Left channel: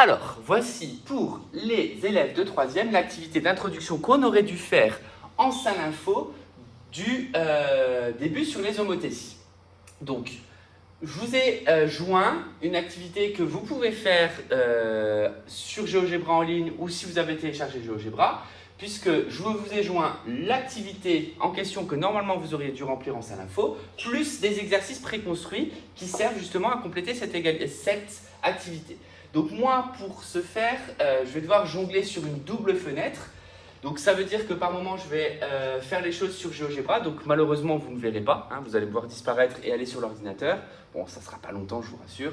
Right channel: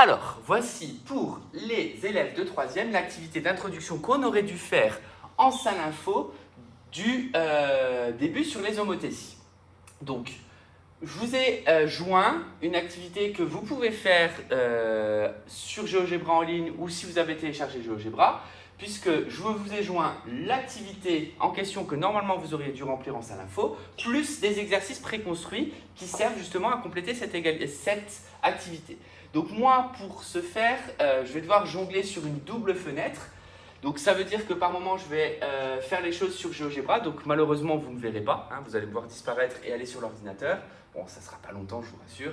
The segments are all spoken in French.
Alors, voici pour les élèves de 3e l'activité d'introduction qu'on aurait dû faire en salle info du début sur les homothéties. Donc, je vous ai joint une activité que vous pouvez faire sur GeoGebra en ligne ou si vous avez téléchargé GeoGebra, puisque je vous ai joint l'activité en question que normalement vous auriez dû remplir en salle info, plus des exercices préconstruits qui servent justement à compléter cette activité. Donc moi, pour ce faire, je vais devoir jongler sur une double fenêtre. Donc ça veut dire que par moment, je vais faire les choses sur GeoGebra. Donc malheureusement, vous ne me verrez pas. Hein, vous allez me voir disparaître et aller sur l'ordinateur. Bon, ça ne sera pas longtemps, je vous rassure.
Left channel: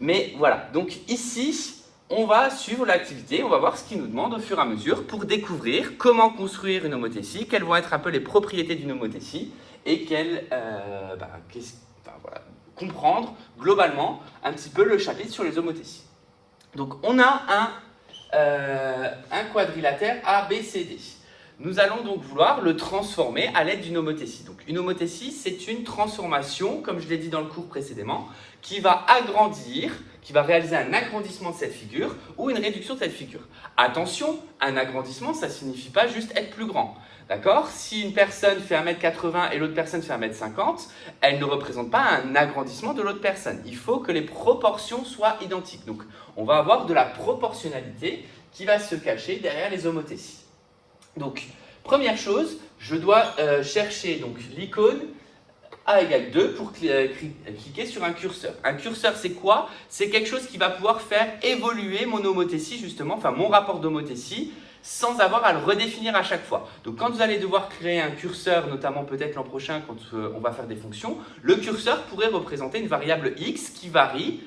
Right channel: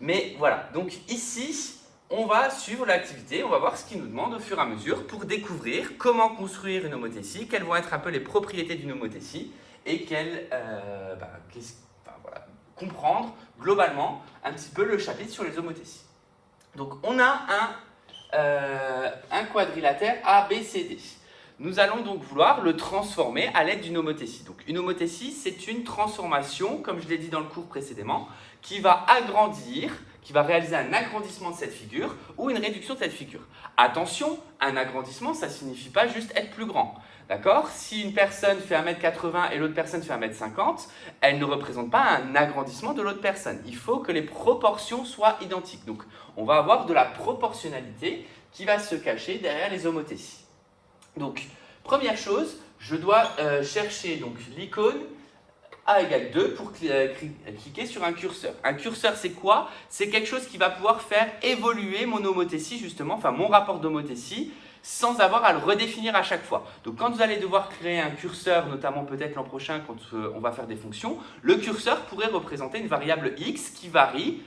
Mais voilà, donc ici, on va suivre l'activité. On va voir ce qu'il nous demande au fur et à mesure pour découvrir comment construire une homothétie, quelles vont être un peu les propriétés d'une homothétie et comprendre globalement un petit peu le chapitre sur les homothéties. Donc on a un quadrilatère ABCD. Nous allons donc vouloir le transformer à l'aide d'une homothétie. Donc une homothétie, c'est une transformation, comme je l'ai dit dans le cours précédemment, qui va agrandir, qui va réaliser un agrandissement de cette figure ou une réduction de cette figure. Attention, un agrandissement, ça ne signifie pas juste être plus grand. D'accord? Si une personne fait 1m80 et l'autre personne fait 1m50, elle ne représente pas un agrandissement de l'autre personne. Il faut que les proportions soient identiques. Donc, on va avoir de la proportionnalité qui va se cacher derrière les homothéties. Donc, première chose, je dois chercher l'icône A égale 2 pour cliquer sur un curseur. Un curseur, c'est quoi? C'est quelque chose qui va pouvoir faire évoluer mon homothétie, justement, enfin mon rapport d'homothétie, sans avoir à le redéfinir à chaque fois. Donc quand vous allez devoir créer un curseur, notamment peut-être l'an prochain quand on va faire des fonctions, le curseur pourrait représenter une variable x qui varie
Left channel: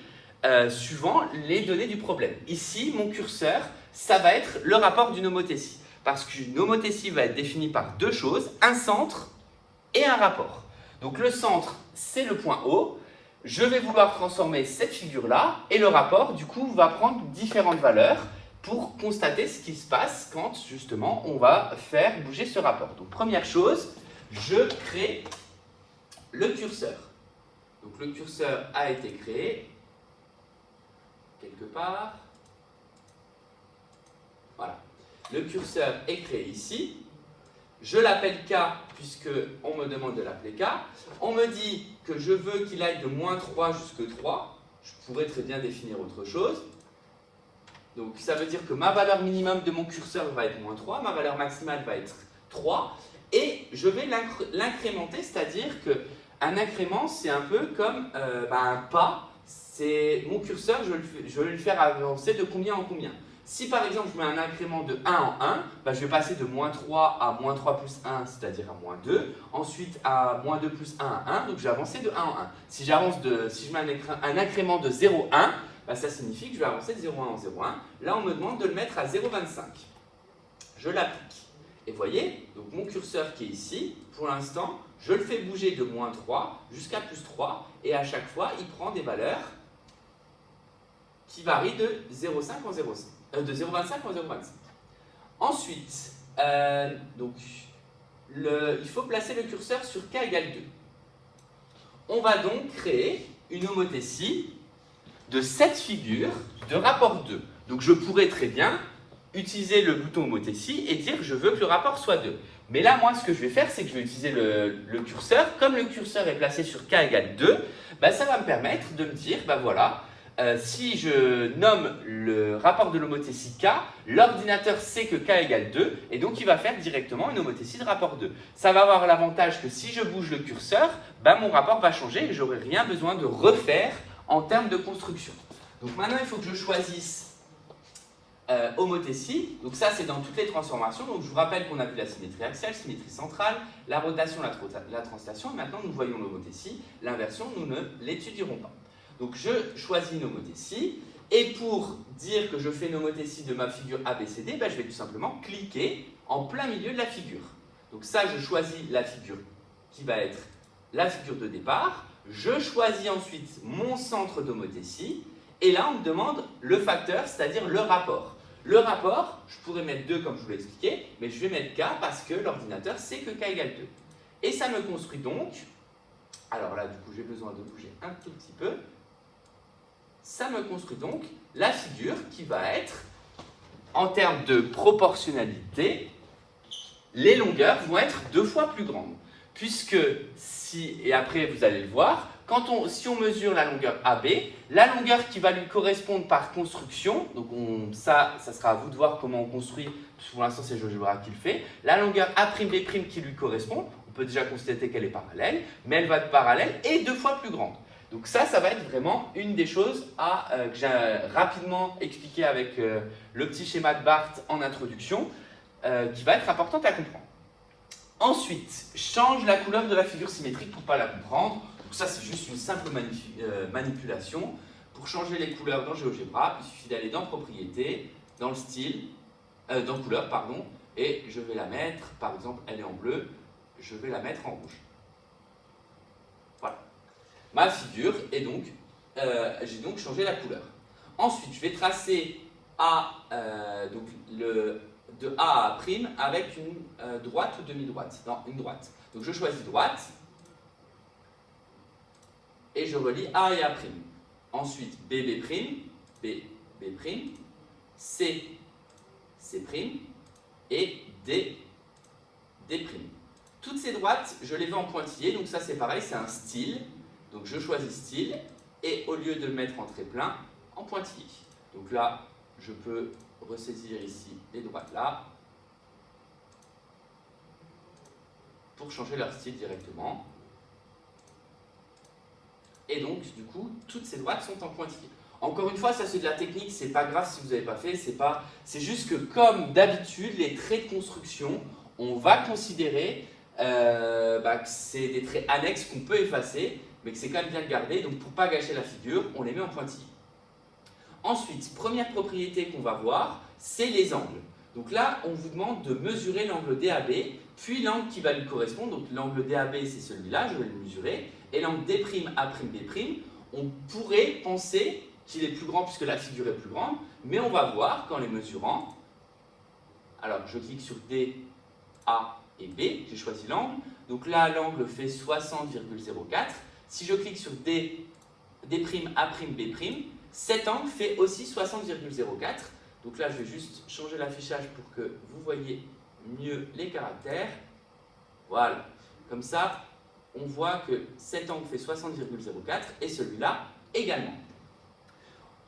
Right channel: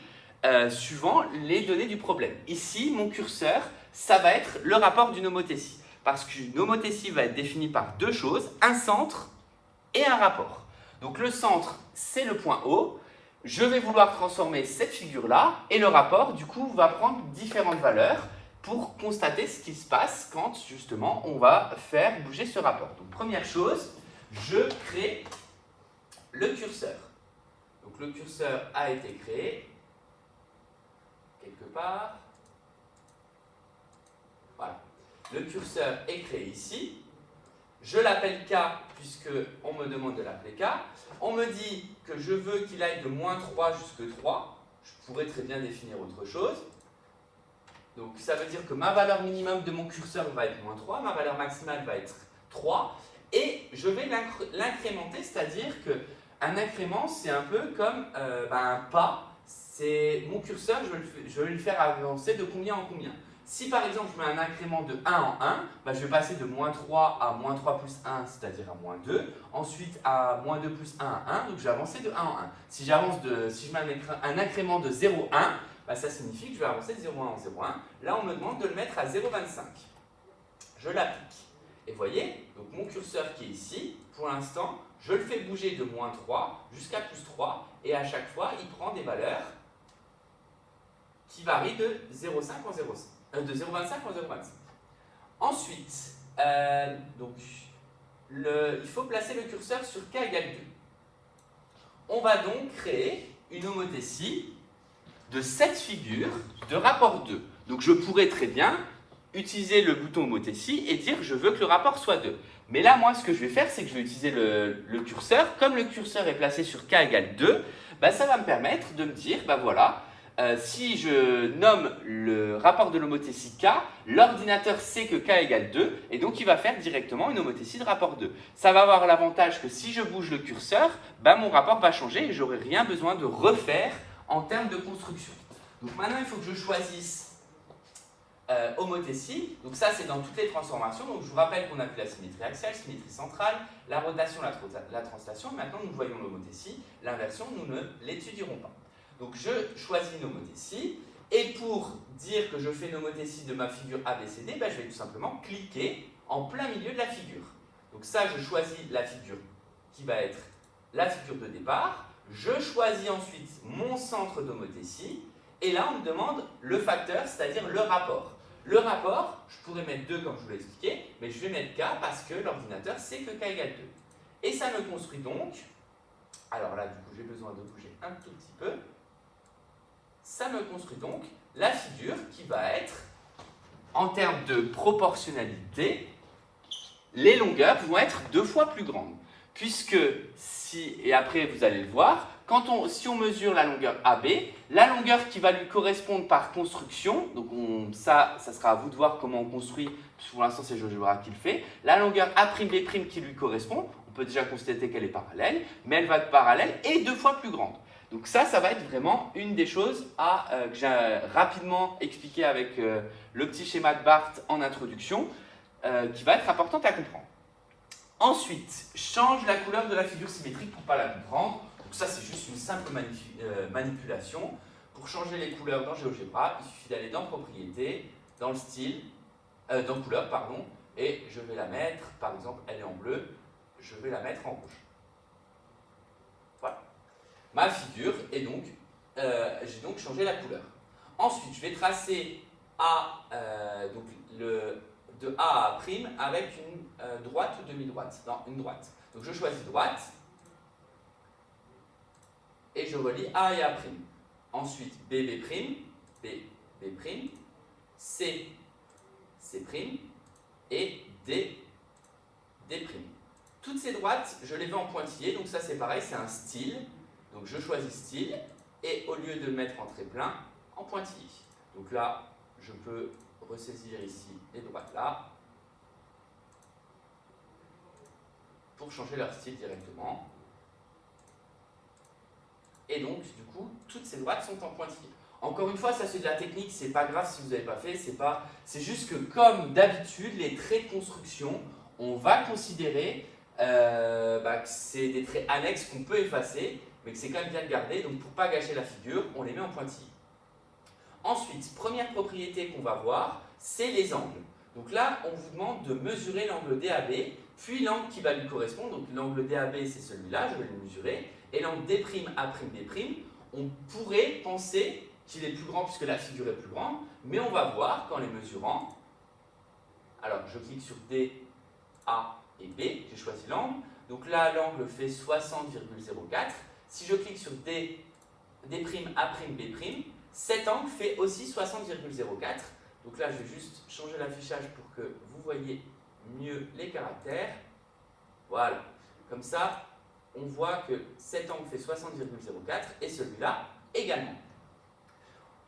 suivant les données du problème. Ici, mon curseur, ça va être le rapport d'une homothétie. Parce qu'une homothétie va être définie par deux choses, un centre et un rapport. Donc le centre, c'est le point O. Je vais vouloir transformer cette figure-là et le rapport, du coup, va prendre différentes valeurs pour constater ce qui se passe quand, justement, on va faire bouger ce rapport. Donc, première chose, je crée le curseur. Donc, le curseur a été créé quelque part. Voilà. Le curseur est créé ici. Je l'appelle K, puisqu'on me demande de l'appeler K. On me dit que je veux qu'il aille de moins 3 jusqu'à 3. Je pourrais très bien définir autre chose. Donc, ça veut dire que ma valeur minimum de mon curseur va être moins 3, ma valeur maximale va être 3, et je vais l'incrémenter, c'est-à-dire qu'un incrément, c'est un peu comme un pas. C'est mon curseur, je vais le faire avancer de combien en combien. Si par exemple, je mets un incrément de 1 en 1, je vais passer de moins 3 à moins 3 plus 1, c'est-à-dire à moins 2, ensuite à moins 2 plus 1 à 1, donc je vais avancer de 1 en 1. Si je mets un incrément de 0,1, ça signifie que je vais avancer de 0,1 en 0,1. Là, on me demande de le mettre à 0,25. Je l'applique. Et vous voyez, donc mon curseur qui est ici, pour l'instant, je le fais bouger de moins 3 jusqu'à plus 3. Et à chaque fois, il prend des valeurs qui varient de 0,5 en 0,5. De 0,25 en 0,25. Ensuite, il faut placer le curseur sur K égale 2. On va donc créer une homothétie de cette figure de rapport 2. Donc je pourrais très bien utiliser le bouton homothétie et dire je veux que le rapport soit 2. Mais là, moi, ce que je vais faire, c'est que je vais utiliser le curseur. Comme le curseur est placé sur K égale 2, ça va me permettre de me dire, voilà, si je nomme le rapport de l'homothétie K, l'ordinateur sait que K égale 2, et donc il va faire directement une homothétie de rapport 2. Ça va avoir l'avantage que si je bouge le curseur, mon rapport va changer et je n'aurai rien besoin de refaire en termes de construction. Donc maintenant, il faut que je choisisse homothétie. Donc ça, c'est dans toutes les transformations. Donc je vous rappelle qu'on a vu la symétrie axiale, symétrie centrale, la rotation, la translation. Maintenant, nous voyons l'homothétie. L'inversion, nous ne l'étudierons pas. Donc je choisis une homothétie. Et pour dire que je fais une homothétie de ma figure ABCD, je vais tout simplement cliquer en plein milieu de la figure. Donc ça, je choisis la figure qui va être la figure de départ. Je choisis ensuite mon centre d'homothétie et là on me demande le facteur, c'est-à-dire le rapport. Le rapport, je pourrais mettre 2 comme je vous l'ai expliqué, mais je vais mettre K parce que l'ordinateur sait que K égale 2. Et ça me construit donc, alors là du coup j'ai besoin de bouger un tout petit peu, ça me construit donc la figure qui va être, en termes de proportionnalité, les longueurs vont être 2 fois plus grandes. Puisque, et après vous allez le voir, si on mesure la longueur AB, la longueur qui va lui correspondre par construction, donc ça sera à vous de voir comment on construit, pour l'instant c'est GeoGebra qui le fait, la longueur A'B' qui lui correspond, on peut déjà constater qu'elle est parallèle, mais elle va être parallèle et 2 fois plus grande. Donc ça va être vraiment une des choses que j'ai rapidement expliqué avec le petit schéma de Barth en introduction, qui va être importante à comprendre. Ensuite, change la couleur de la figure symétrique pour ne pas la comprendre. Donc ça, c'est juste une simple manipulation. Pour changer les couleurs dans GeoGebra, il suffit d'aller dans Propriétés, dans le style, dans Couleur, pardon, et je vais la mettre, par exemple, elle est en bleu, je vais la mettre en rouge. Voilà. Ma figure est donc, j'ai donc changé la couleur. Ensuite, je vais tracer de A à A' avec une droite ou demi-droite. Non, une droite. Donc je choisis droite et je relie A et A'. Ensuite B, B', C, C' et D, D'. Toutes ces droites, je les veux en pointillé, donc ça c'est pareil, c'est un style. Donc je choisis style et au lieu de le mettre en trait plein, en pointillé. Donc là, je peux ressaisir ici les droites là pour changer leur style directement. Et donc, du coup, toutes ces droites sont en pointillé. Encore une fois, ça c'est de la technique, c'est pas grave si vous n'avez pas fait, c'est juste que comme d'habitude, les traits de construction, on va considérer que c'est des traits annexes qu'on peut effacer, mais que c'est quand même bien de garder. Donc pour ne pas gâcher la figure, on les met en pointillé. Ensuite, première propriété qu'on va voir, c'est les angles. Donc là, on vous demande de mesurer l'angle DAB, puis l'angle qui va lui correspondre. Donc l'angle DAB, c'est celui-là, je vais le mesurer. Et l'angle D'A'B', on pourrait penser qu'il est plus grand puisque la figure est plus grande, mais on va voir qu'en les mesurant, alors je clique sur D, A et B, j'ai choisi l'angle. Donc là, l'angle fait 60,04. Si je clique sur D', A'B', cet angle fait aussi 60,04. Donc là, je vais juste changer l'affichage pour que vous voyez mieux les caractères. Voilà. Comme ça, on voit que cet angle fait 60,04 et celui-là également.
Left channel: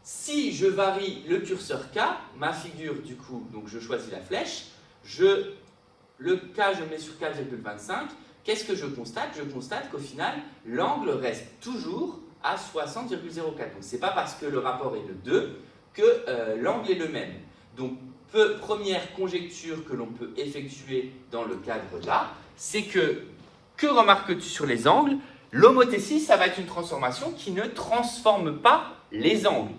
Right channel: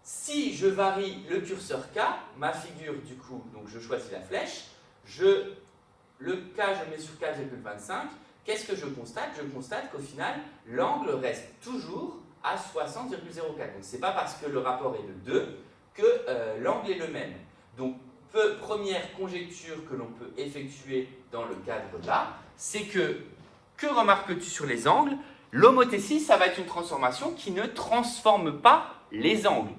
Si je varie le curseur K, ma figure du coup, donc je choisis la flèche, le K je le mets sur 4,25, qu'est-ce que je constate? Je constate qu'au final, l'angle reste toujours à 60,04. Donc ce n'est pas parce que le rapport est de 2 que l'angle est le même. Donc première conjecture que l'on peut effectuer dans le cadre là, c'est que remarques-tu sur les angles? L'homothétie, ça va être une transformation qui ne transforme pas les angles.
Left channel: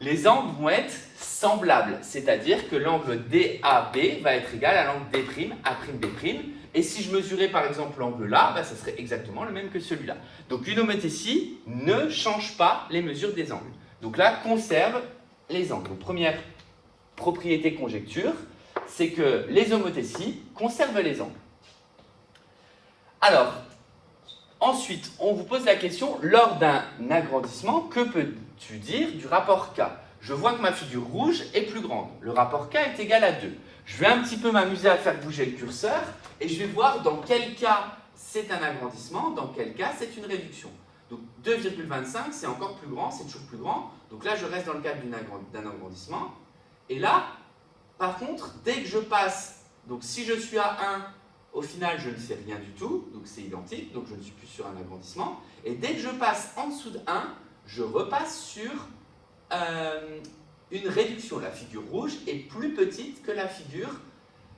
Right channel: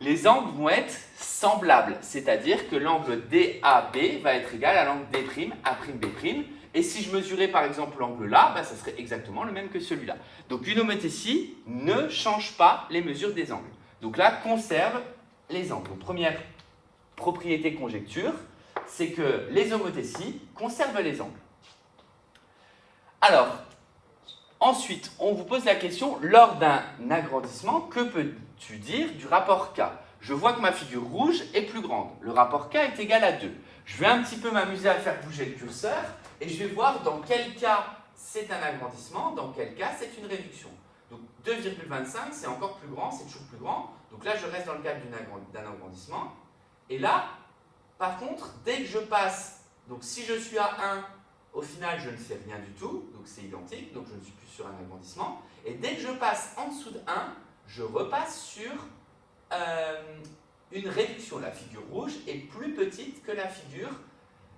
Les angles vont être semblables, c'est-à-dire que l'angle DAB va être égal à l'angle D', A'B', et si je mesurais par exemple l'angle là, ça serait exactement le même que celui-là. Donc une homothétie ne change pas les mesures des angles. Donc là, conserve les angles. Donc première propriété conjecture, c'est que les homothéties conservent les angles. Alors, ensuite, on vous pose la question, lors d'un agrandissement, que peux-tu dire du rapport K? Je vois que ma figure rouge est plus grande. Le rapport K est égal à 2. Je vais un petit peu m'amuser à faire bouger le curseur et je vais voir dans quel cas c'est un agrandissement, dans quel cas c'est une réduction. Donc 2,25, c'est encore plus grand, c'est toujours plus grand. Donc là, je reste dans le cadre d'un agrandissement. Et là, par contre, dès que je passe, donc si je suis à 1, au final, je ne fais rien du tout, donc c'est identique, donc je ne suis plus sur un agrandissement. Et dès que je passe en dessous de 1, je repasse sur une réduction. La figure rouge est plus petite que la figure,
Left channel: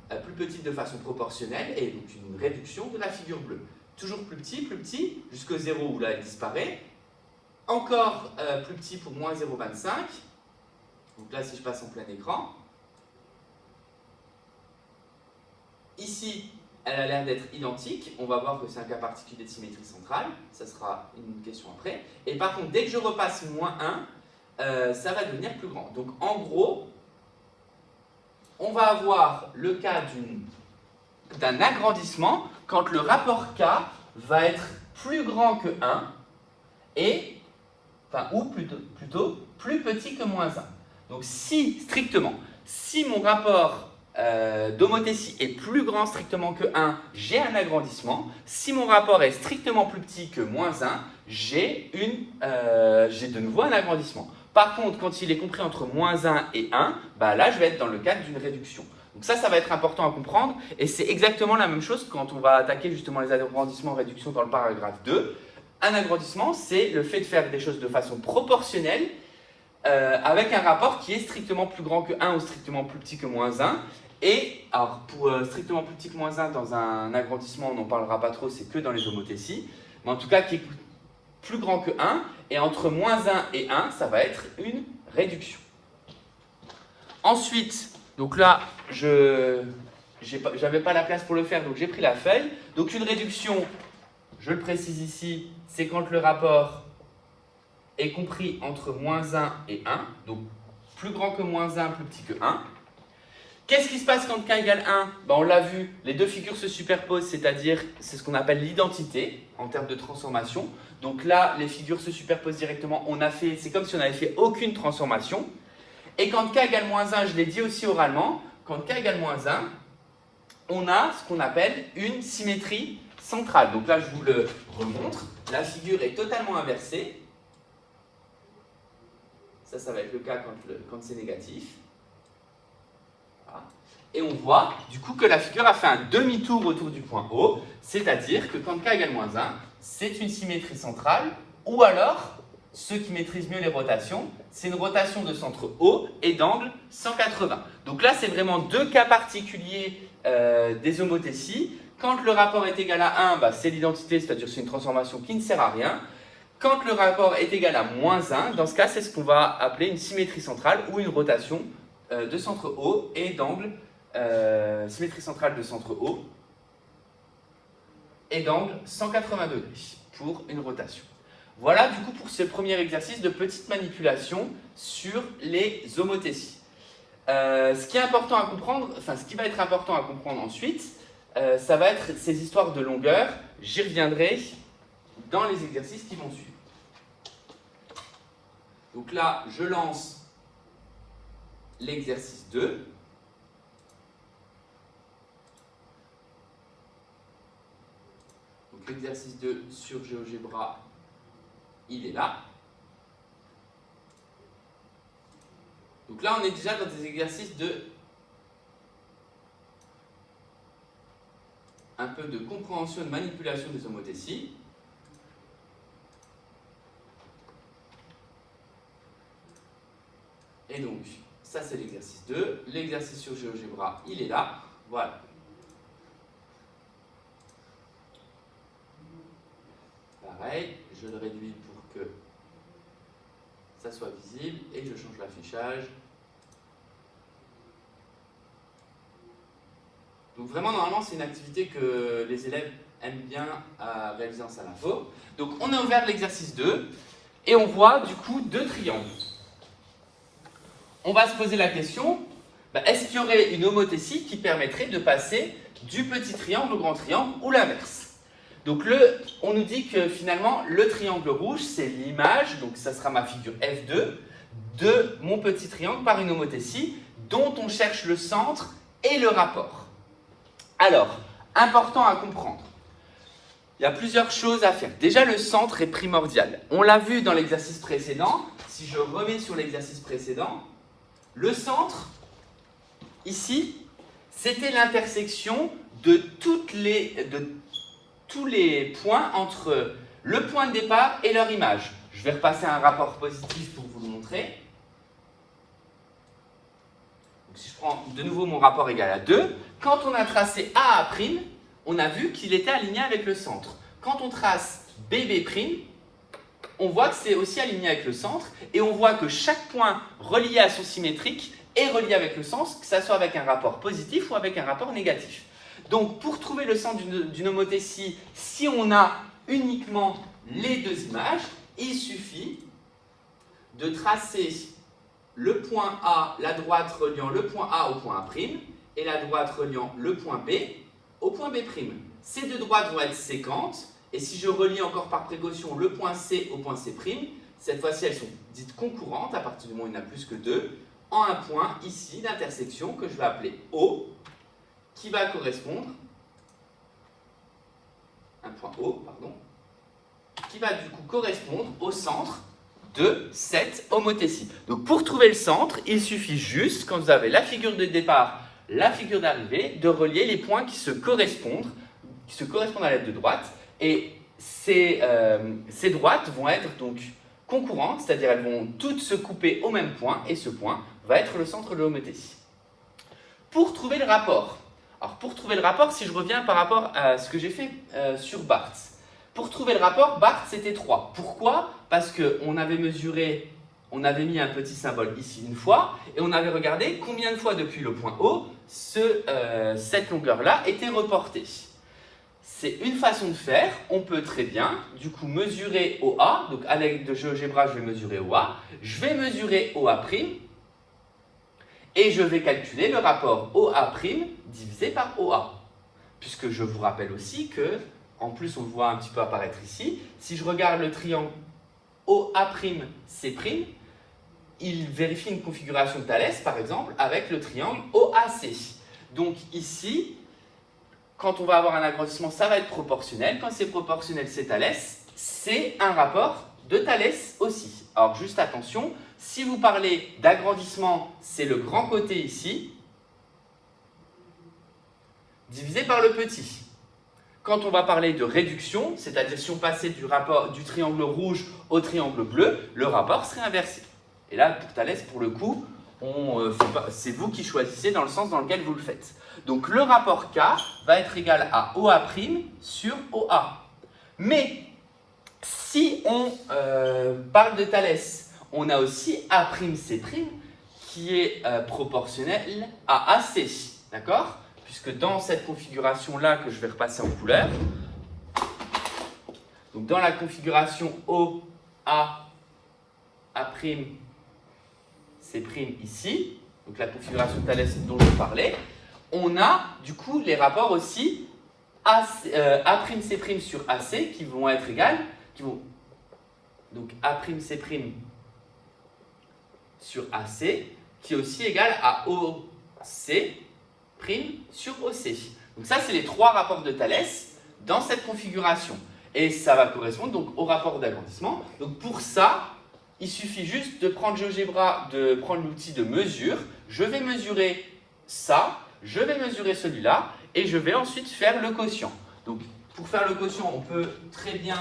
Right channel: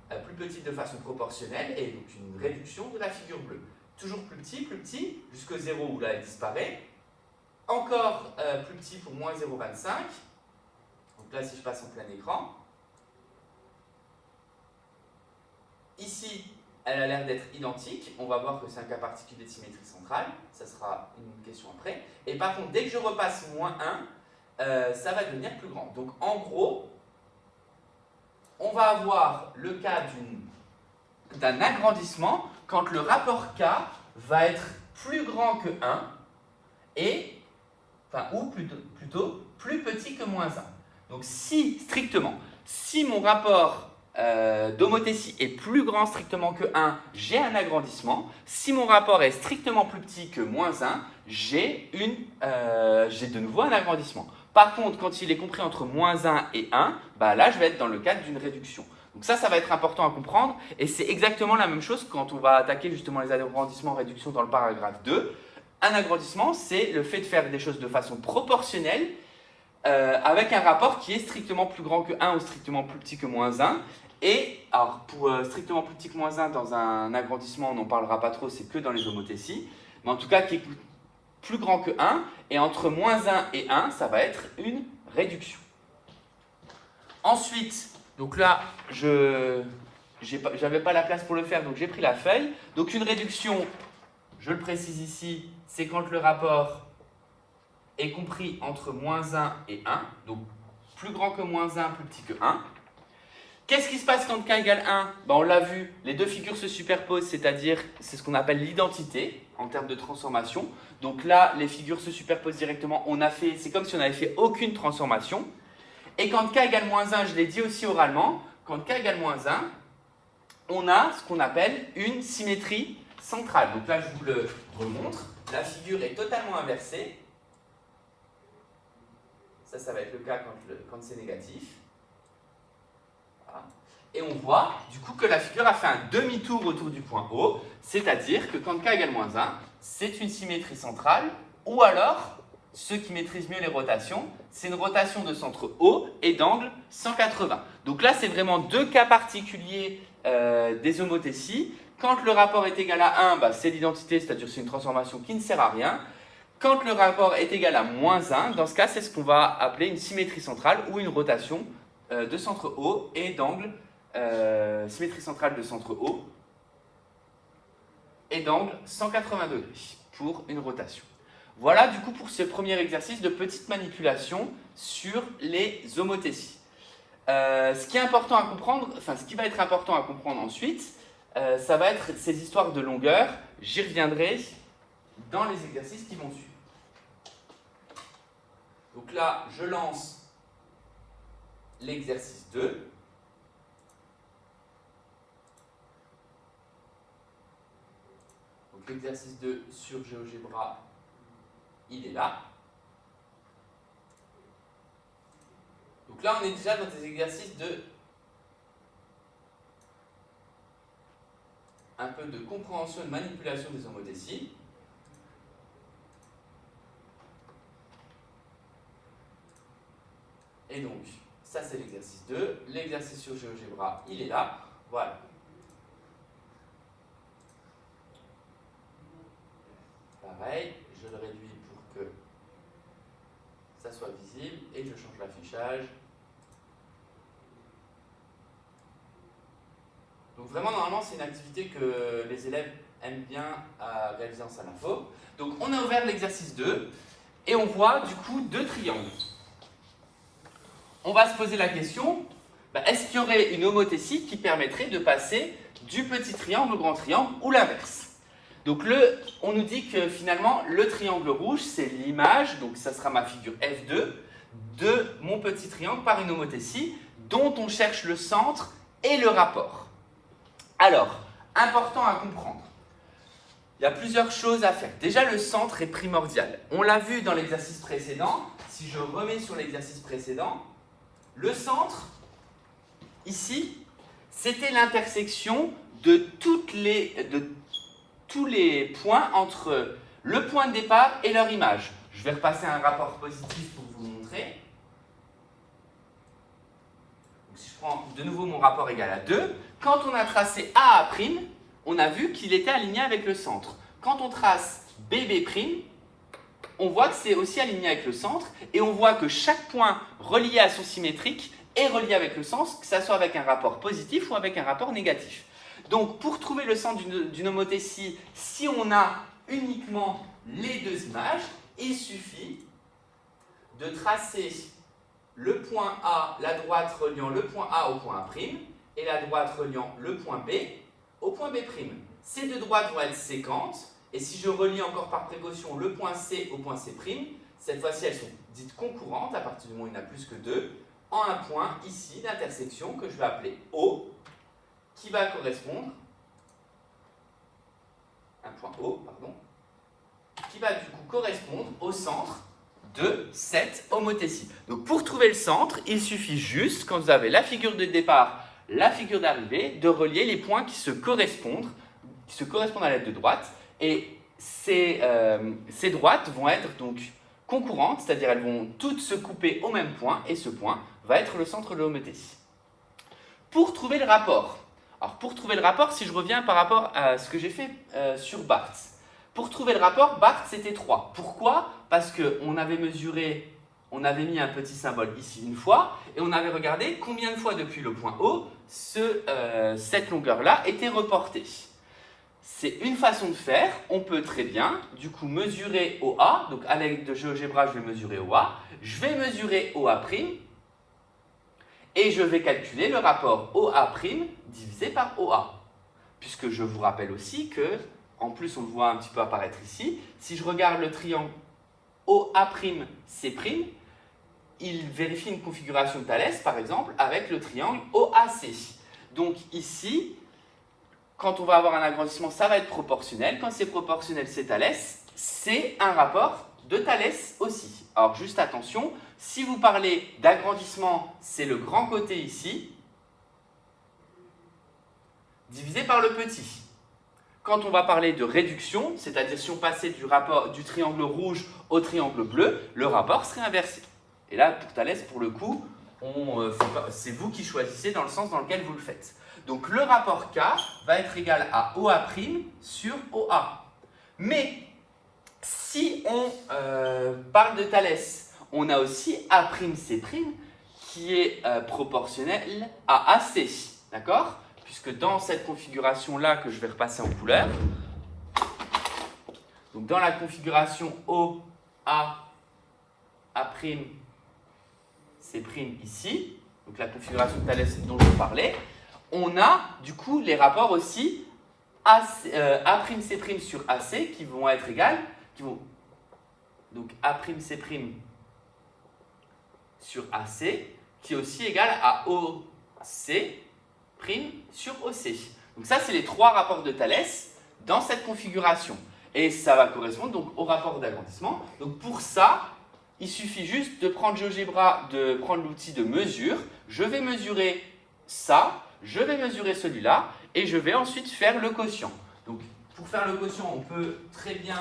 plus petite de façon proportionnelle, et donc une réduction de la figure bleue. Toujours plus petit, jusqu'au 0 où là elle disparaît. Encore plus petit pour moins 0,25. Donc là, si je passe en plein écran, ici, elle a l'air d'être identique. On va voir que c'est un cas particulier de symétrie centrale. Ça sera une question après. Et par contre, dès que je repasse moins 1, ça va devenir plus grand. Donc en gros, on va avoir le cas d'un agrandissement quand le rapport K va être plus grand que 1 ou plutôt plus petit que moins 1. Donc si, strictement, si mon rapport d'homothétie est plus grand strictement que 1, j'ai un agrandissement. Si mon rapport est strictement plus petit que moins 1, j'ai de nouveau un agrandissement. Par contre, quand il est compris entre moins 1 et 1, bah là, je vais être dans le cadre d'une réduction. Donc ça va être important à comprendre. Et c'est exactement la même chose quand on va attaquer justement les agrandissements en réduction dans le paragraphe 2. Un agrandissement, c'est le fait de faire des choses de façon proportionnelle avec un rapport qui est strictement plus grand que 1 ou strictement plus petit que moins 1. Et alors, pour strictement plus petit que moins 1 dans un agrandissement, on n'en parlera pas trop, c'est que dans les homothéties. Mais en tout cas, qui est plus grand que 1, et entre moins 1 et 1, ça va être une réduction. Ensuite, donc là, j'avais pas la place pour le faire, donc j'ai pris la feuille. Donc une réduction, je le précise ici, c'est quand le rapport est compris entre moins 1 et 1, donc plus grand que moins 1, plus petit que 1. Qu'est-ce qui se passe quand k égale 1 ? On l'a vu, les deux figures se superposent, c'est-à-dire, c'est ce qu'on appelle l'identité en termes de transformation. Donc là, les figures se superposent directement, c'est comme si on n'avait fait aucune transformation. Et quand k égale moins 1, je l'ai dit aussi oralement, quand k égale moins 1, on a ce qu'on appelle une symétrie centrale. Donc là, je vous le remontre, la figure est totalement inversée. Ça va être le cas quand c'est négatif. Et on voit du coup que la figure a fait un demi-tour autour du point O, c'est-à-dire que quand k égale moins 1, c'est une symétrie centrale, ou alors, ceux qui maîtrisent mieux les rotations, c'est une rotation de centre O et d'angle 180. Donc là, c'est vraiment deux cas particuliers des homothéties. Quand le rapport est égal à 1, c'est l'identité, c'est-à-dire c'est une transformation qui ne sert à rien. Quand le rapport est égal à moins 1, dans ce cas, c'est ce qu'on va appeler une symétrie centrale ou une rotation de centre O et d'angle symétrie centrale de centre O et d'angle 180 degrés pour une rotation. Voilà du coup pour ce premier exercice de petite manipulation sur les homothéties. Ce qui est important à comprendre, ce qui va être important à comprendre ensuite, ça va être ces histoires de longueur. J'y reviendrai dans les exercices qui vont suivre. Donc là, je lance l'exercice 2. L'exercice 2 sur GeoGebra, il est là. Donc là, on est déjà dans des exercices de un peu de compréhension et de manipulation des homothéties. Et donc, ça c'est l'exercice 2. L'exercice sur GeoGebra, il est là. Voilà. Pareil, je le réduis pour que ça soit visible et je change l'affichage. Donc vraiment, normalement, c'est une activité que les élèves aiment bien à réaliser en salle info. Donc on a ouvert l'exercice 2 et on voit du coup deux triangles. On va se poser la question, est-ce qu'il y aurait une homothétie qui permettrait de passer du petit triangle au grand triangle ou l'inverse? Donc on nous dit que finalement, le triangle rouge, c'est l'image, donc ça sera ma figure F2, de mon petit triangle par une homothétie dont on cherche le centre et le rapport. Alors, important à comprendre, il y a plusieurs choses à faire. Déjà, le centre est primordial. On l'a vu dans l'exercice précédent. Si je remets sur l'exercice précédent, le centre, ici, c'était l'intersection de tous les points entre le point de départ et leur image. Je vais repasser un rapport positif pour vous le montrer. Donc, si je prends de nouveau mon rapport égal à 2, quand on a tracé A à', on a vu qu'il était aligné avec le centre. Quand on trace BB', on voit que c'est aussi aligné avec le centre et on voit que chaque point relié à son symétrique est relié avec le centre, que ce soit avec un rapport positif ou avec un rapport négatif. Donc, pour trouver le centre d'une homothétie, si on a uniquement les deux images, il suffit de tracer le point A, la droite reliant le point A au point A', et la droite reliant le point B au point B'. Ces deux droites vont être séquentes, et si je relie encore par précaution le point C au point C', cette fois-ci elles sont dites concurrentes, à partir du moment où il y en a plus que deux, en un point ici d'intersection que je vais appeler O, qui va correspondre, un point O, pardon, qui va du coup correspondre au centre de cette homothétie. Donc pour trouver le centre, il suffit juste, quand vous avez la figure de départ, la figure d'arrivée, de relier les points qui se correspondent à l'aide de droite. Et ces droites vont être donc concurrentes, c'est-à-dire elles vont toutes se couper au même point, et ce point va être le centre de l'homothétie. Pour trouver le rapport, alors pour trouver le rapport, si je reviens par rapport à ce que j'ai fait sur Barthes, pour trouver le rapport, Barthes c'était 3. Pourquoi? Parce qu'on avait mesuré, on avait mis un petit symbole ici une fois, et on avait regardé combien de fois depuis le point O, cette longueur-là était reportée. C'est une façon de faire, on peut très bien du coup mesurer OA, donc à l'aide de GeoGebra je vais mesurer OA, je vais mesurer OA', et je vais calculer le rapport OA' divisé par OA. Puisque je vous rappelle aussi que, en plus on le voit un petit peu apparaître ici, si je regarde le triangle OA'C', il vérifie une configuration de Thalès, par exemple, avec le triangle OAC. Donc ici, quand on va avoir un agrandissement, ça va être proportionnel. Quand c'est proportionnel, c'est Thalès. C'est un rapport de Thalès aussi. Alors juste attention, si vous parlez d'agrandissement, c'est le grand côté ici, divisé par le petit. Quand on va parler de réduction, c'est-à-dire si on passait du triangle rouge au triangle bleu, le rapport serait inversé. Et là, pour Thalès, pour le coup, c'est vous qui choisissez dans le sens dans lequel vous le faites. Donc le rapport K va être égal à OA' sur OA. Mais si on parle de Thalès, on a aussi A'C' qui est proportionnel à AC. D'accord? Puisque dans cette configuration-là que je vais repasser en couleur, donc dans la configuration OA, A'C' ici, donc la configuration de Thalès dont je vous parlais, on a du coup les rapports aussi A'C' sur AC qui vont être égales, donc A'C' sur AC qui est aussi égal à OC' sur OC. Donc ça, c'est les 3 rapports de Thalès dans cette configuration. Et ça va correspondre donc au rapport d'agrandissement. Donc pour ça, il suffit juste de prendre GeoGebra, de prendre l'outil de mesure. Je vais mesurer ça, je vais mesurer celui-là, et je vais ensuite faire le quotient. Donc pour faire le quotient, on peut très bien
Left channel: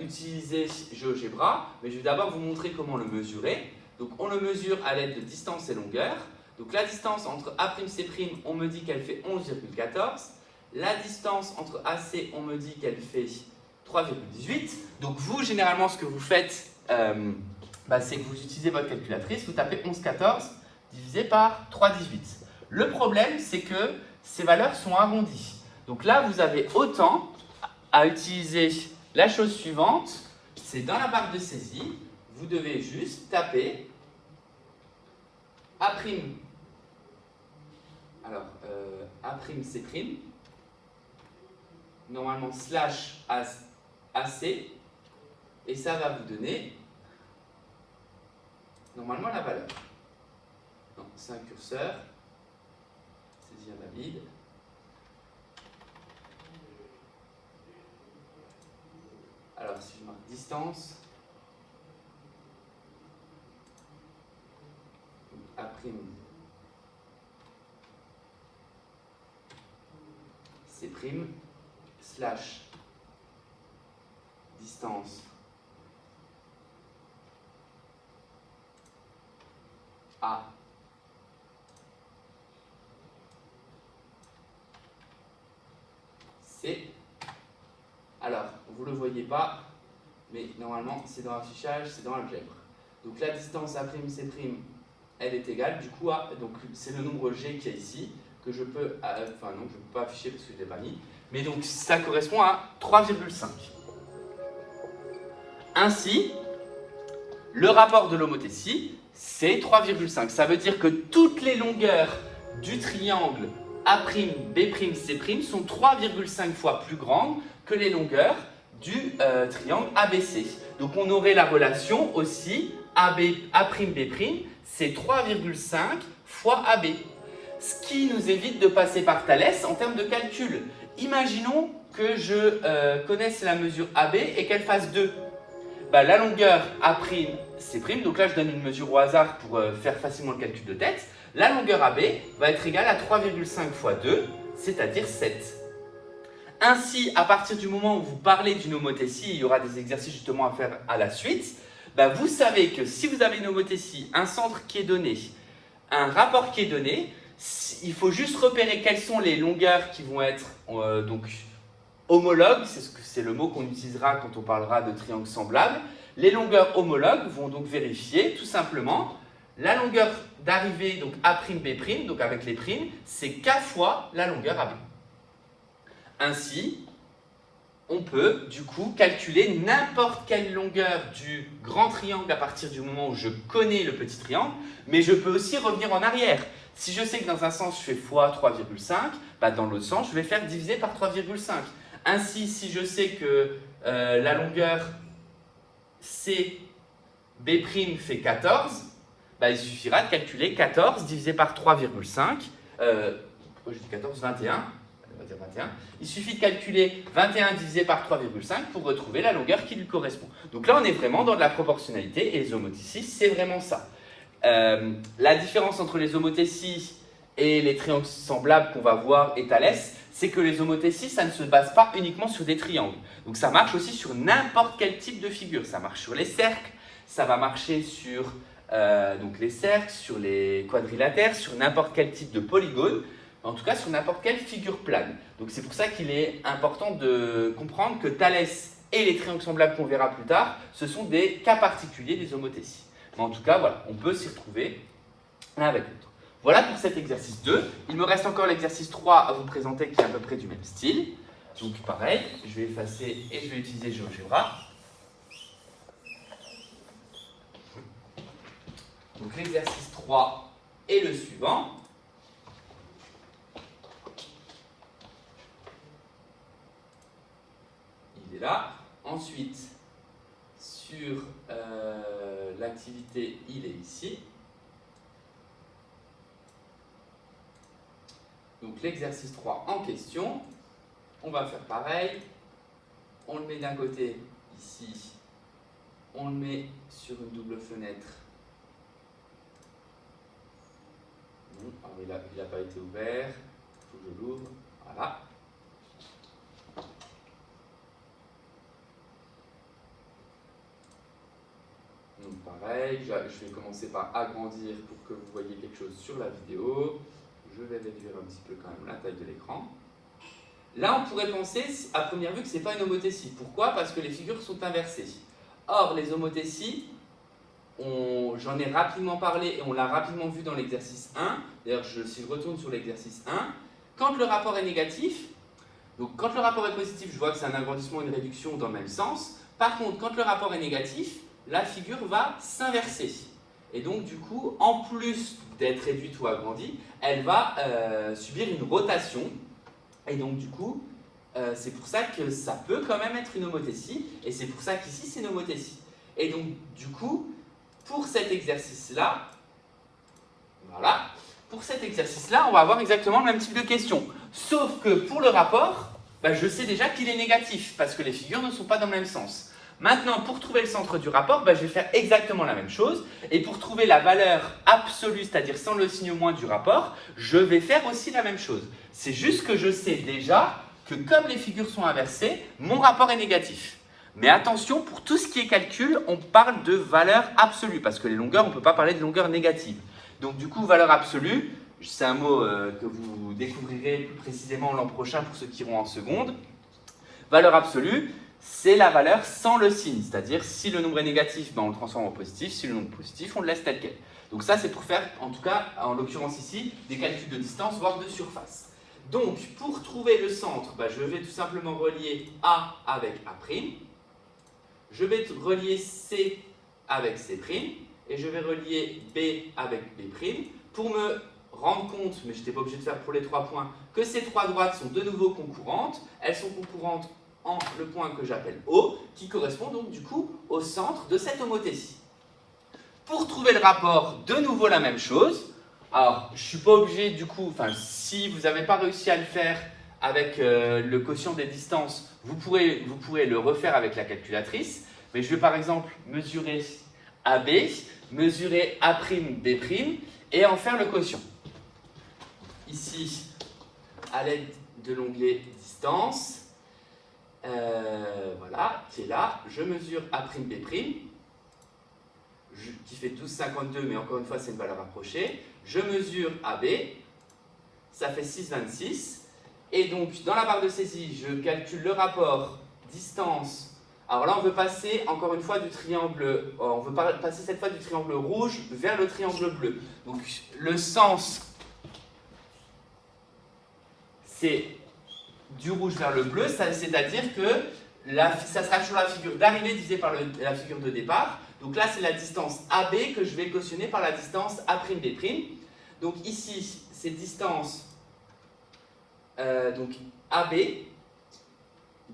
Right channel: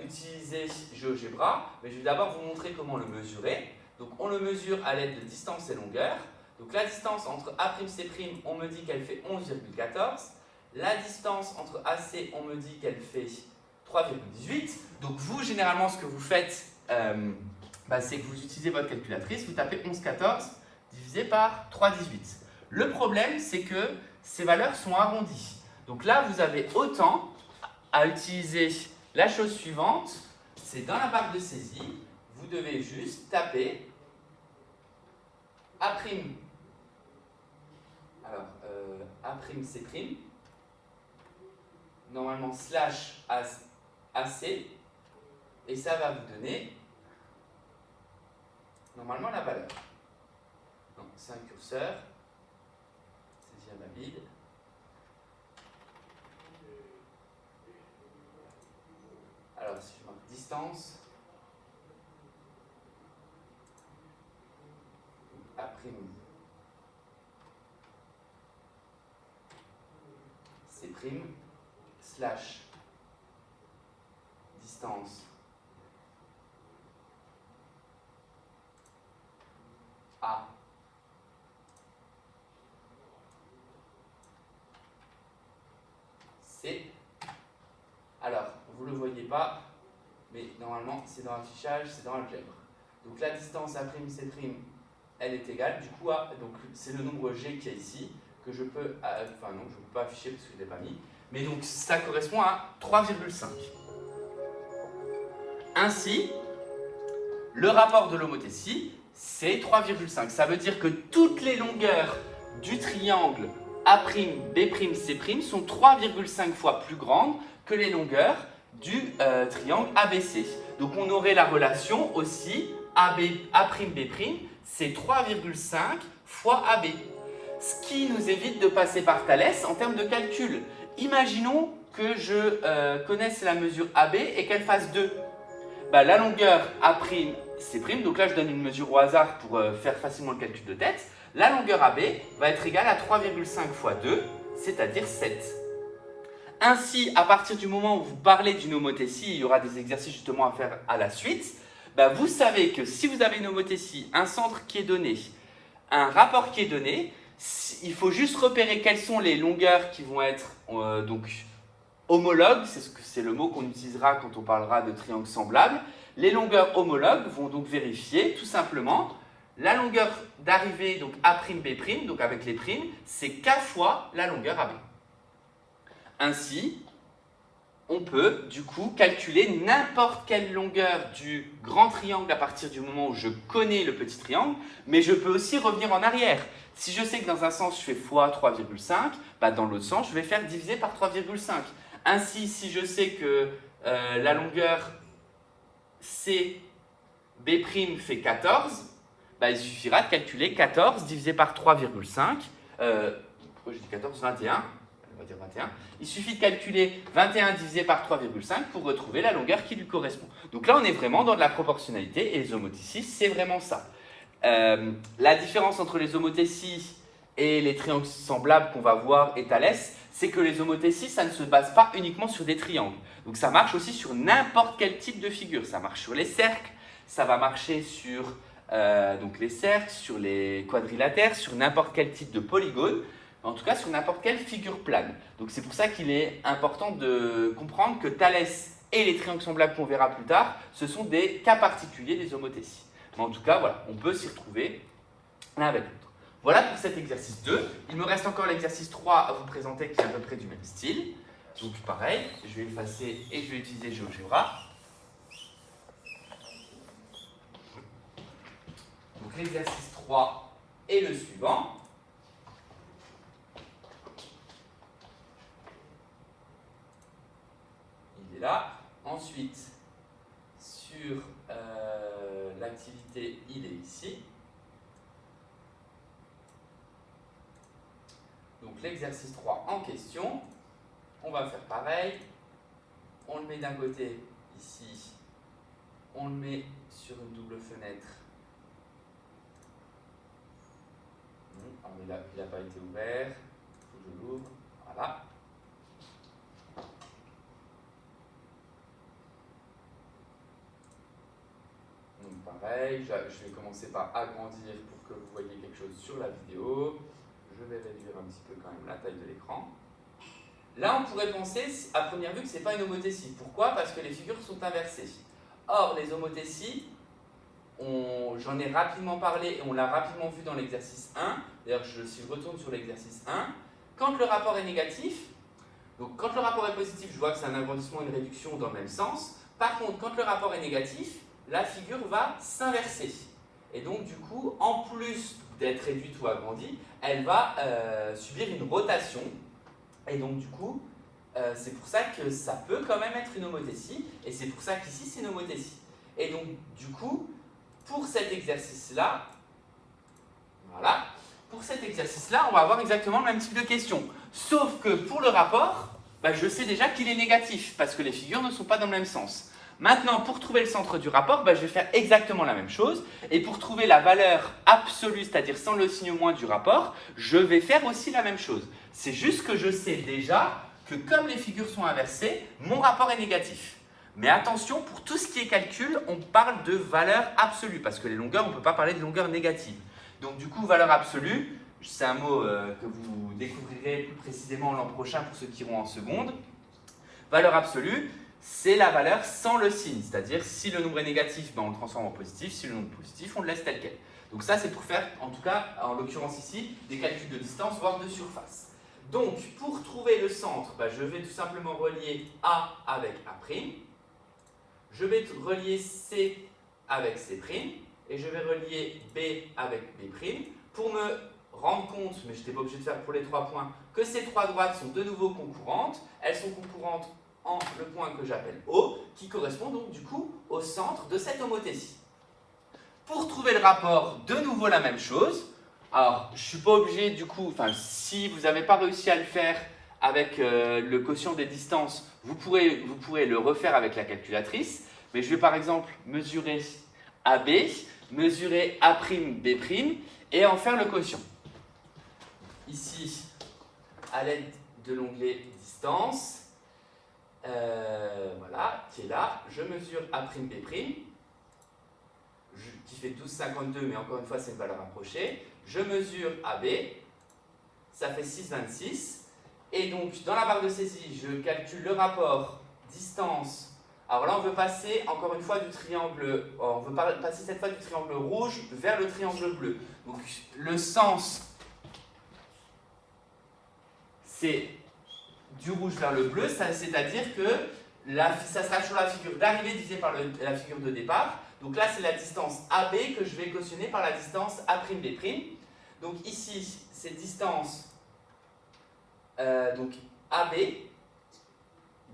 utiliser GeoGebra, mais je vais d'abord vous montrer comment le mesurer. Donc on le mesure à l'aide de distance et longueur. Donc la distance entre A'C', on me dit qu'elle fait 11,14. La distance entre AC, on me dit qu'elle fait 3,18. Donc vous, généralement, ce que vous faites, c'est que vous utilisez votre calculatrice, vous tapez 11,14 divisé par 3,18. Le problème, c'est que ces valeurs sont arrondies. Donc là, vous avez autant à utiliser la chose suivante, c'est dans la barre de saisie, vous devez juste taper A'C', normalement slash AC, et ça va vous donner normalement la valeur. Non, c'est un curseur, saisie invalide. Alors si je marque distance, A'C' slash distance A C. Alors, vous ne le voyez pas, mais normalement c'est dans l'affichage, c'est dans l'algèbre. Donc la distance A'C', elle est égale, du coup, donc c'est le nombre G qui est ici, que je peux, enfin non, je ne peux pas afficher parce que je ne l'ai pas mis, mais donc ça correspond à 3,5. Ainsi, le rapport de l'homothétie, c'est 3,5. Ça veut dire que toutes les longueurs du triangle A'B', sont 3,5 fois plus grandes que les longueurs du triangle ABC. Donc on aurait la relation aussi A'B', c'est 3,5 fois AB. Ce qui nous évite de passer par Thalès en termes de calcul. Imaginons que je connaisse la mesure AB et qu'elle fasse 2. La longueur A'C', donc là je donne une mesure au hasard pour faire facilement le calcul de tête. La longueur AB va être égale à 3,5 fois 2, c'est-à-dire 7. Ainsi, à partir du moment où vous parlez d'une homothétie, il y aura des exercices justement à faire à la suite, vous savez que si vous avez une homothétie, un centre qui est donné, un rapport qui est donné, il faut juste repérer quelles sont les longueurs qui vont être donc homologues, c'est le mot qu'on utilisera quand on parlera de triangles semblables. Les longueurs homologues vont donc vérifier tout simplement la longueur d'arrivée, donc A'B', donc avec les primes, c'est K fois la longueur AB. Ainsi, on peut du coup calculer n'importe quelle longueur du grand triangle à partir du moment où je connais le petit triangle, mais je peux aussi revenir en arrière. Si je sais que dans un sens je fais fois 3,5, dans l'autre sens je vais faire diviser par 3,5. Ainsi, si je sais que la longueur CB' fait 14, il suffira de calculer 14 divisé par 3,5. Pourquoi je dis 14 ? 21. On va dire 21. Il suffit de calculer 21 divisé par 3,5 pour retrouver la longueur qui lui correspond. Donc là, on est vraiment dans de la proportionnalité et les homothéties, c'est vraiment ça. La différence entre les homothéties et les triangles semblables qu'on va voir et Thalès, c'est que les homothéties, ça ne se base pas uniquement sur des triangles. Donc ça marche aussi sur n'importe quel type de figure. Ça marche sur les cercles, ça va marcher sur donc les cercles, sur les quadrilatères, sur n'importe quel type de polygone, en tout cas sur n'importe quelle figure plane. Donc c'est pour ça qu'il est important de comprendre que Thalès et les triangles semblables qu'on verra plus tard, ce sont des cas particuliers des homothéties. Mais en tout cas, voilà, on peut s'y retrouver l'un avec l'autre. Voilà pour cet exercice 2. Il me reste encore l'exercice 3 à vous présenter qui est à peu près du même style. Donc pareil, je vais effacer et je vais utiliser GeoGebra. Donc l'exercice 3 est le suivant. Il est là. Ensuite, sur l'activité, il est ici. Donc l'exercice 3 en question, on va faire pareil. On le met d'un côté ici, on le met sur une double fenêtre. Là, il n'a pas été ouvert, il faut que je l'ouvre. Voilà. Donc pareil, je vais commencer par agrandir pour que vous voyez quelque chose sur la vidéo. Je vais réduire un petit peu quand même la taille de l'écran. Là, on pourrait penser à première vue que ce n'est pas une homothétie. Pourquoi ? Parce que les figures sont inversées. Or, les homothéties, j'en ai rapidement parlé et on l'a rapidement vu dans l'exercice 1. D'ailleurs, si je retourne sur l'exercice 1, quand le rapport est négatif, donc quand le rapport est positif, je vois que c'est un agrandissement et une réduction dans le même sens. Par contre, quand le rapport est négatif, la figure va s'inverser. Et donc, du coup, en plus d'être réduite ou agrandie, elle va subir une rotation. Et donc, du coup, c'est pour ça que ça peut quand même être une homothétie. Et c'est pour ça qu'ici, c'est une homothétie. Et donc, du coup, pour cet exercice-là, voilà, pour cet exercice-là, on va avoir exactement le même type de question. Sauf que pour le rapport, je sais déjà qu'il est négatif, parce que les figures ne sont pas dans le même sens. Maintenant, pour trouver le centre du rapport, je vais faire exactement la même chose. Et pour trouver la valeur absolue, c'est-à-dire sans le signe moins du rapport, je vais faire aussi la même chose. C'est juste que je sais déjà que comme les figures sont inversées, mon rapport est négatif. Mais attention, pour tout ce qui est calcul, on parle de valeur absolue, parce que les longueurs, on ne peut pas parler de longueur négative. Donc du coup, valeur absolue, c'est un mot que vous découvrirez plus précisément l'an prochain pour ceux qui iront en seconde. Valeur absolue, c'est la valeur sans le signe, c'est-à-dire si le nombre est négatif, on le transforme en positif, si le nombre est positif, on le laisse tel quel. Donc ça, c'est pour faire, en tout cas, en l'occurrence ici, des calculs de distance, voire de surface. Donc, pour trouver le centre, je vais tout simplement relier A avec A', je vais relier C avec C', et je vais relier B avec B', pour me rendre compte, mais je n'étais pas obligé de faire pour les 3 points, que ces 3 droites sont de nouveau concurrentes. Elles sont concurrentes en le point que j'appelle O, qui correspond donc du coup au centre de cette homothétie. Pour trouver le rapport, de nouveau la même chose. Alors, je ne suis pas obligé du coup, si vous n'avez pas réussi à le faire avec le quotient des distances, vous pourrez le refaire avec la calculatrice. Mais je vais par exemple mesurer AB, mesurer A'B' et en faire le quotient. Ici, à l'aide de l'onglet distance, voilà, qui est là, je mesure A'B', qui fait 12,52, mais encore une fois, c'est une valeur approchée. Je mesure AB, ça fait 6,26. Et donc, dans la barre de saisie, je calcule le rapport distance. Alors là, on veut passer encore une fois du triangle, on veut passer cette fois du triangle rouge vers le triangle bleu. Donc, le sens, c'est du rouge vers le bleu, c'est-à-dire que ça sera toujours la figure d'arrivée divisée par la figure de départ. Donc là, c'est la distance AB que je vais cautionner par la distance A'B'. Donc ici, c'est distance donc AB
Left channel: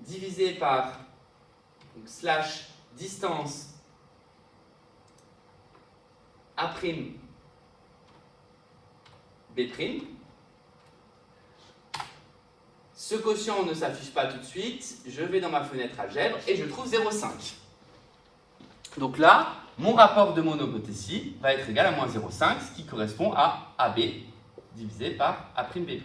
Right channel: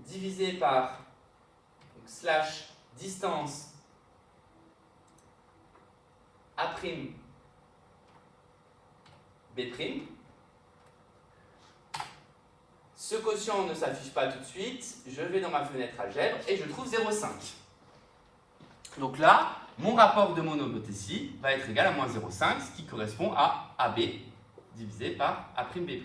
divisé par slash distance A'B'. Ce quotient ne s'affiche pas tout de suite. Je vais dans ma fenêtre algèbre et je trouve 0,5. Donc là, mon rapport de mon homothétie va être égal à moins 0,5, ce qui correspond à AB divisé par A'B'.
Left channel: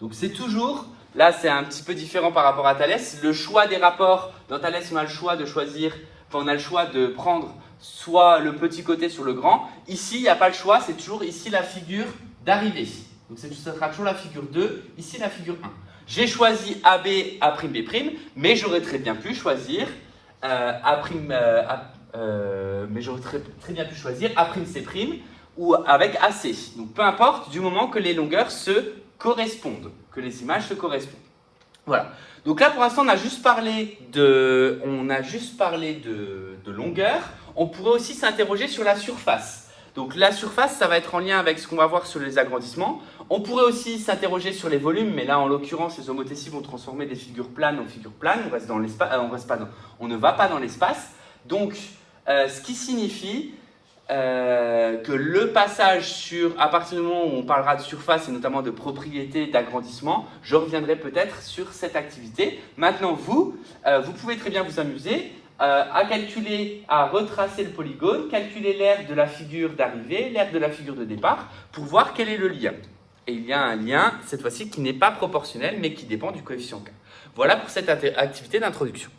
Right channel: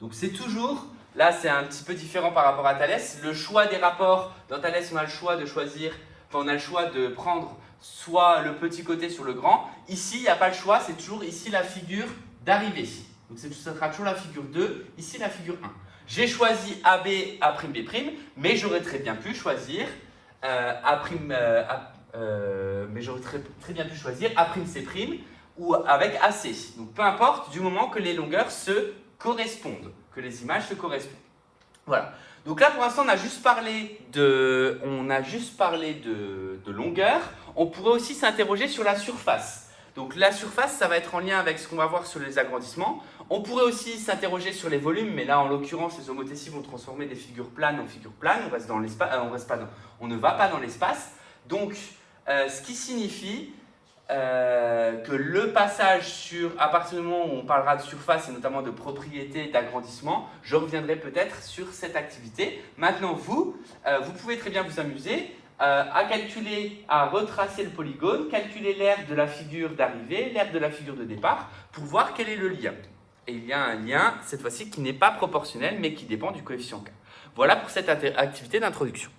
Donc c'est toujours, là c'est un petit peu différent par rapport à Thalès, le choix des rapports, dans Thalès on a le choix de choisir, on a le choix de prendre soit le petit côté sur le grand. Ici, il n'y a pas le choix, c'est toujours ici la figure d'arrivée. Donc ça sera toujours la figure 2, ici la figure 1. J'ai choisi AB, A'B', mais j'aurais très bien pu choisir mais j'aurais très bien pu choisir A'C' ou avec AC. Donc peu importe, du moment que les longueurs se correspondent, que les images se correspondent. Voilà. Donc là, pour l'instant, on a juste parlé de longueur. On pourrait aussi s'interroger sur la surface. Donc la surface, ça va être en lien avec ce qu'on va voir sur les agrandissements. On pourrait aussi s'interroger sur les volumes, mais là, en l'occurrence, les homothéties vont transformer des figures planes en figures planes. On reste dans l'espace, on ne va pas dans l'espace. Donc, ce qui signifie que le passage à partir du moment où on parlera de surface et notamment de propriétés d'agrandissement, je reviendrai peut-être sur cette activité. Maintenant, vous pouvez très bien vous amuser à calculer, à retracer le polygone, calculer l'aire de la figure d'arrivée, l'aire de la figure de départ, pour voir quel est le lien. Et il y a un lien, cette fois-ci, qui n'est pas proportionnel, mais qui dépend du coefficient K. Voilà pour cette activité d'introduction.